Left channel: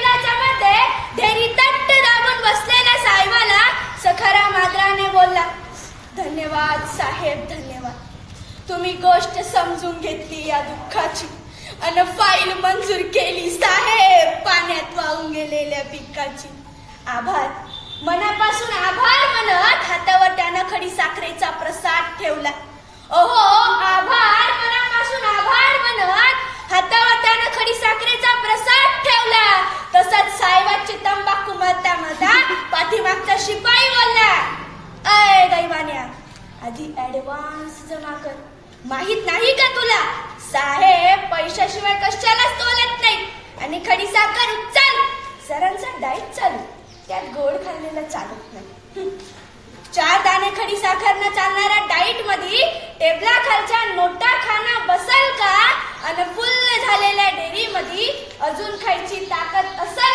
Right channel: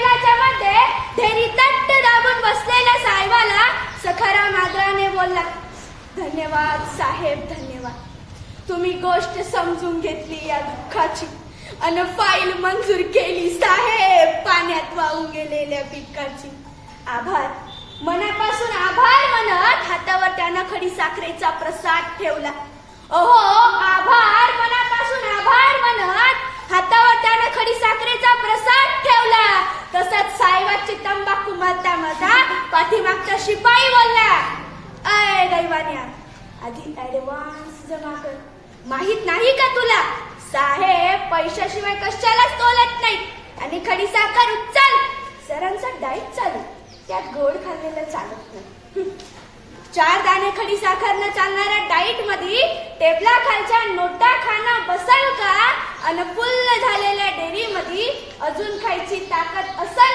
मध्ये ढेरी तट्ट दाबून बसलेल्या साहेबाला सखाराम आदराने बोलला धन्यवाद साहेब धन्यवाद. तुम्ही गोष्ट समजून घेतली या दुःखाची. अन फाईल मंजूर केली साहेब पाण्यात वाहून गेलेल्या पिकाची. आभार. मनापासून आभार म्हणत हातावर त्यानं खडी साखरेचा प्रसाद ठेवला. ओहो आभार मनापासून आभार म्हणत हातावर त्यानं खडी साखरेचा प्रसाद ठेवला तसंच साहेबाची तंबाखू मरता मरता पाठीमागचा शिपाई बोलला अय दैवान्या. आधी ऍडव्हान्स जमा कर. माहीत नाही का तुला? साहेब पैशाशिवाय कशालाच तोलत नाही आणि खडी साखर उचल. सरांचा डाएट चालू. त्यात गोड खाल्लेलं चालत नाही. चार दाणे खडी साखर न चालणाऱ्या डाईटमध्ये टेबला खालच्या नोटा खाना बसल का? आणि फुल्ल झालेल्या डेअरी मध्ये अजून खायची ताकद असल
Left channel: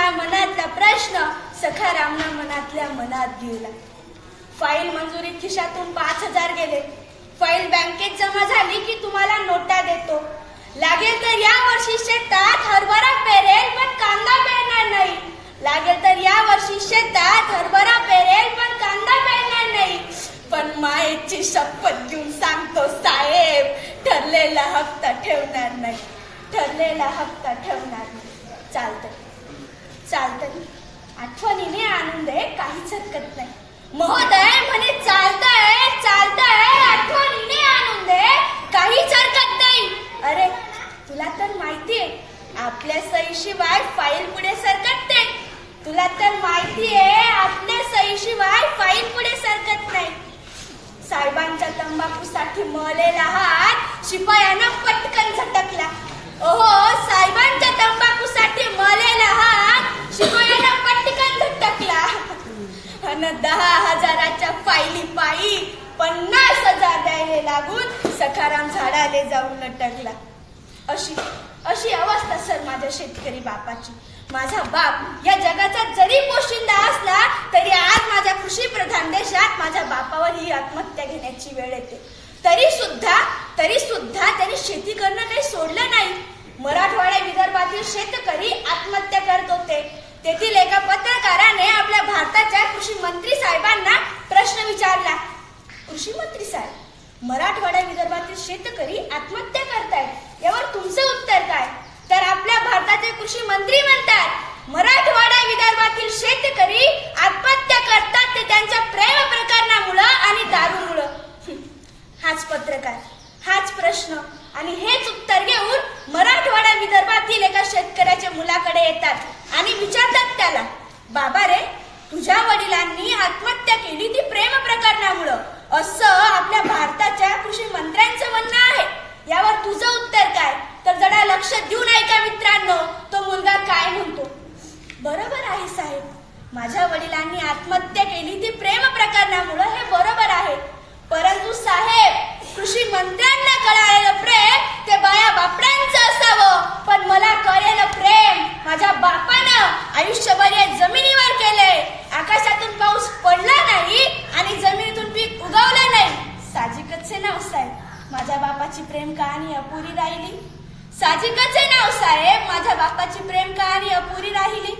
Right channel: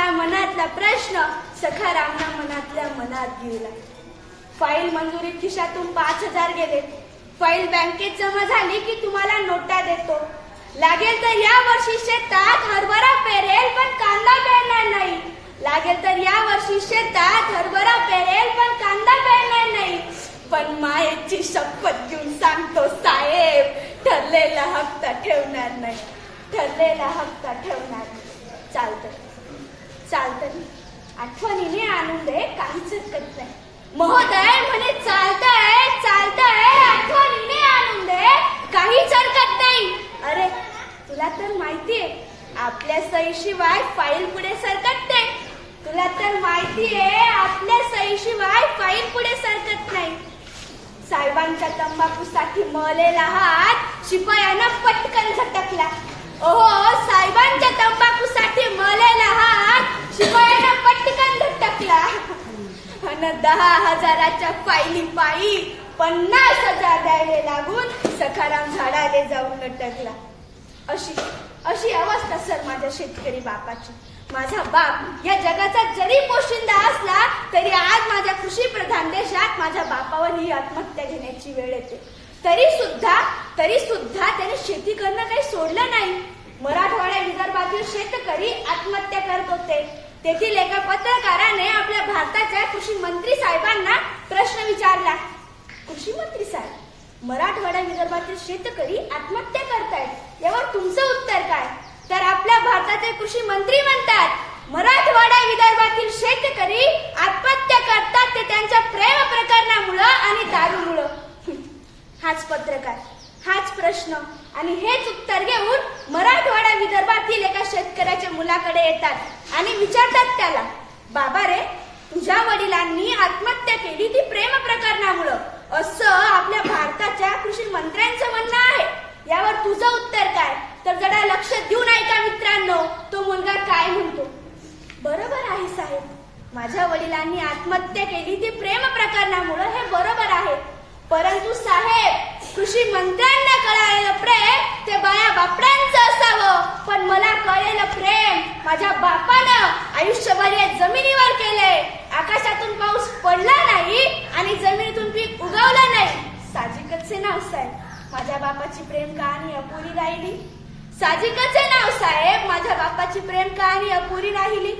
हा मनातला प्रश्न सखारामना मनातल्या मनात गेला. फाईल मंजुरीत खिशातून पाच हजार गेले. फाईल बँकेत जमा झाली की तुम्हाला नोटा देतो. लागेल तर या वर्षी शेतात हरभरा पेरेल पण कांदा पेरणार नाही. लागेल तर या वर्षी शेतात हरभरा पेरेल पण कांदा पेरणार नाही. पण मायेची शपथ घेऊन सांगतो साहेब ठरलेला हप्ता ठेवणार नाही. ठरलेला हप्ता ठेवणार नाही. चालतं चालतंय. आठवणीने आणून दे काहीच हरकत नाही. महोदय म्हणे चालतंय चालतंय आठवणीने आणून दे काहीच हरकत नाही. अरे तुला तर माहितीये आपल्या सहीशिवाय फाईल पुढे सरकत नाही. तुला तर माहितीये आपल्या सहीशिवाय फाईल पुढे सरकत नाही. साहेबांच्या तंबाखूसाठी मळलेला हात शिपायानं पटकन झटकला ओहो साहेबांच्या तंबाखूसाठी मळलेला हात शिपायानं पटकन झटकला अन दहा हजाराच्या फायली पायी पन्नास हजार द्यायला लागून सखाराम झाडाले जाऊन लटकला. अशी अशी अवस्था सर माझ्या शेतकरी बापाची. माझा बाप या जगाचा जरी पोशिंदा असला तरी आज माझ्या कृषी प्रधान देशात माझ्या बापावर ही आत्महत्या घेण्याची वेळ येते. तरी सुद्धा तरी सुद्धा त्याने शेती करणं काही सोडलं नाही. मराठवाड्या विदर्भातील शेतकरी आत्महत्या करत होते. तेथील एका पत्रकाराने आपल्या भारताच्या कृषी मंत्री साहेबांना प्रश्न विचारला. कृषी मंत्री साहेब मराठवाडा विदर्भातील शेतकरी आत्महत्या करतायत. यावर तुमचं उत्तर काय? तर आपल्या भारताचे कृषी मंत्री म्हणतात मराठवाडा विदर्भातील शेतकरी आत्महत्या करतात ते त्यांच्या प्रेम प्रकरणामुळं आणि दारूमुळं. हाच पत्रकार हाच प्रश्न. आणि हेच उत्तर घेऊन मराठवाडा विदर्भातील एका शेतकऱ्याच्या मुलाकडे येतात. आणि विचारतात त्याला बाबा रे तुझ्या वडिलांनी आत्महत्या केली ती प्रेम प्रकरणामुळं. असं आपल्या भारताच्या कृषी मंत्र्यांचं म्हणणं आहे. यावर तुझं उत्तर काय? तर जरा लक्ष देऊन ऐका मित्रांनो तो मुलगा काय म्हणतो. बरोबर आहे साहेब. माझ्या वडिलांनी आत्महत्या केली ती प्रेम प्रकरणामुळं हे बरोबर आहे. परंतु साहेब कृषी मंत्र्यांना कळालेलं प्रेम ते बाया बापड्यांचं असावं. पण मला कळलेलं प्रेम माझ्या बापा आयुष्यभर या जमिनीवर केलंय. आकाशातून पाऊस पडला नाही आणि जमिनीतून पीक उगवलं नाही. साजिकच नाव साहेब माझ्या बापाची प्रेम कहाणी अपुरी राहिली. साजिकच नाव साहेब माझ्या बापाची प्रेम कहाणी अपुरी राहिली.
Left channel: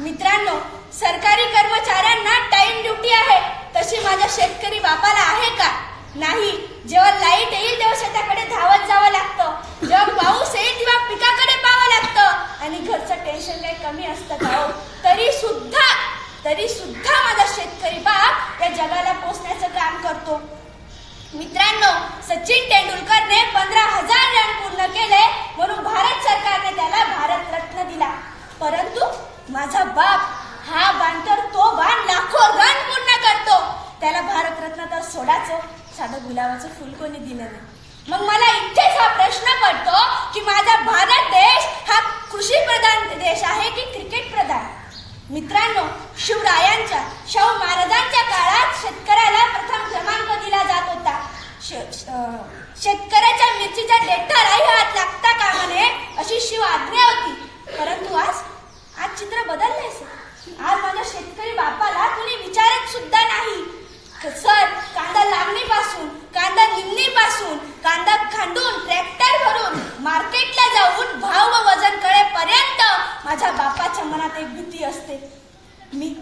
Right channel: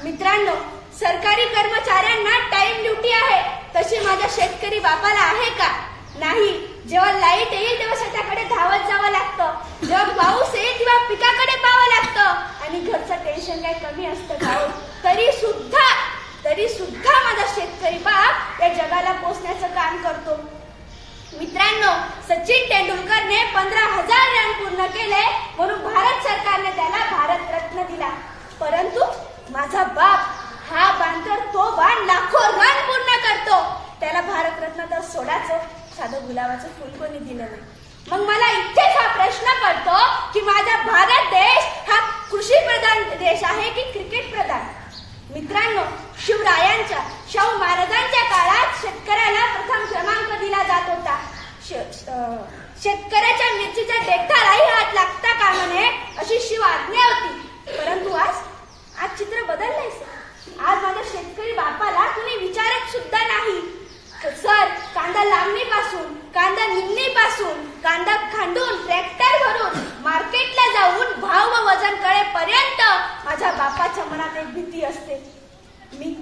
मित्रांनो सरकारी कर्मचाऱ्यांना टाइम ड्युटी आहे. तशी माझ्या शेतकरी बापाला आहे का? नाही. जेव्हा लाइट येईल तेव्हा शेताकडे धावत जावं लागतं. जेव्हा पाऊस येईल तेव्हा पिकाकडे आणि घरचं टेन्शन काही कमी असतं का हो? तरी सुद्धा तरी सुद्धा माझा शेतकरी बाप या जगाला पोचण्याचं काम करतो. मित्रांनो सचिन तेंडुलकरने पंधरा हजार रन पूर्ण केले म्हणून भारत सरकारने त्याला भारत रत्न दिला. परंतु माझा बाप हा बाण तर तो बाण लाखो रन पूर्ण करतो. त्याला भारत रत्न तर सोडाचो साधं गुलाबाचं फुल कोणी दिलं नाही. मग मला इथेच हा प्रश्न पडतो की माझा भारत देश हा कृषी प्रधान देश आहे की क्रिकेट प्रधान मित्रांनो शिवरायांच्या शाहू महाराजांच्या काळात शेतकऱ्याला प्रथम क्रमांक दिला जात होता. शेतकऱ्याच्या मिरचीच्या डेटालाही हात लागता कामा नये अशी शिव आज्ञा होती. परंतु आज आज चित्र बदललंय सर. आज माझ्या शेतकरी बापाला कुणी विचारत सुद्धा नाही. सर कांदा लावणीपासून कांदा निमणीपासून कांदा खांडून ट्रॅक्टर भरून मार्केटला जाऊन भाव व वजन कळेपर्यंत माझ्या बापाच्या मनात एक भीती असते. मी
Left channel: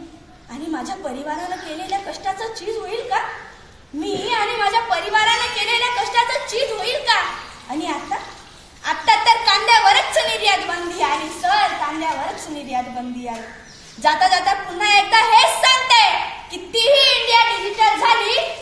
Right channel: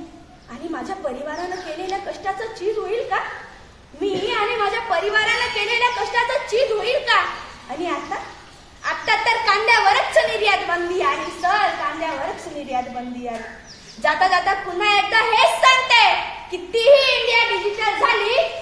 आणि माझ्या परिवारानं केलेल्या कष्टाचं चीज होईल का? मी आणि माझ्या परिवारानं केलेल्या कष्टाचं चीज होईल का? आणि आता? आता तर कांद्यावरच निर्यात बंदी आहे सर. कांद्यावरच निर्यात बंदी आहे. जाता जाता पुन्हा एकदा हेच सांगते कितीही इंडिया डिजिटल झाली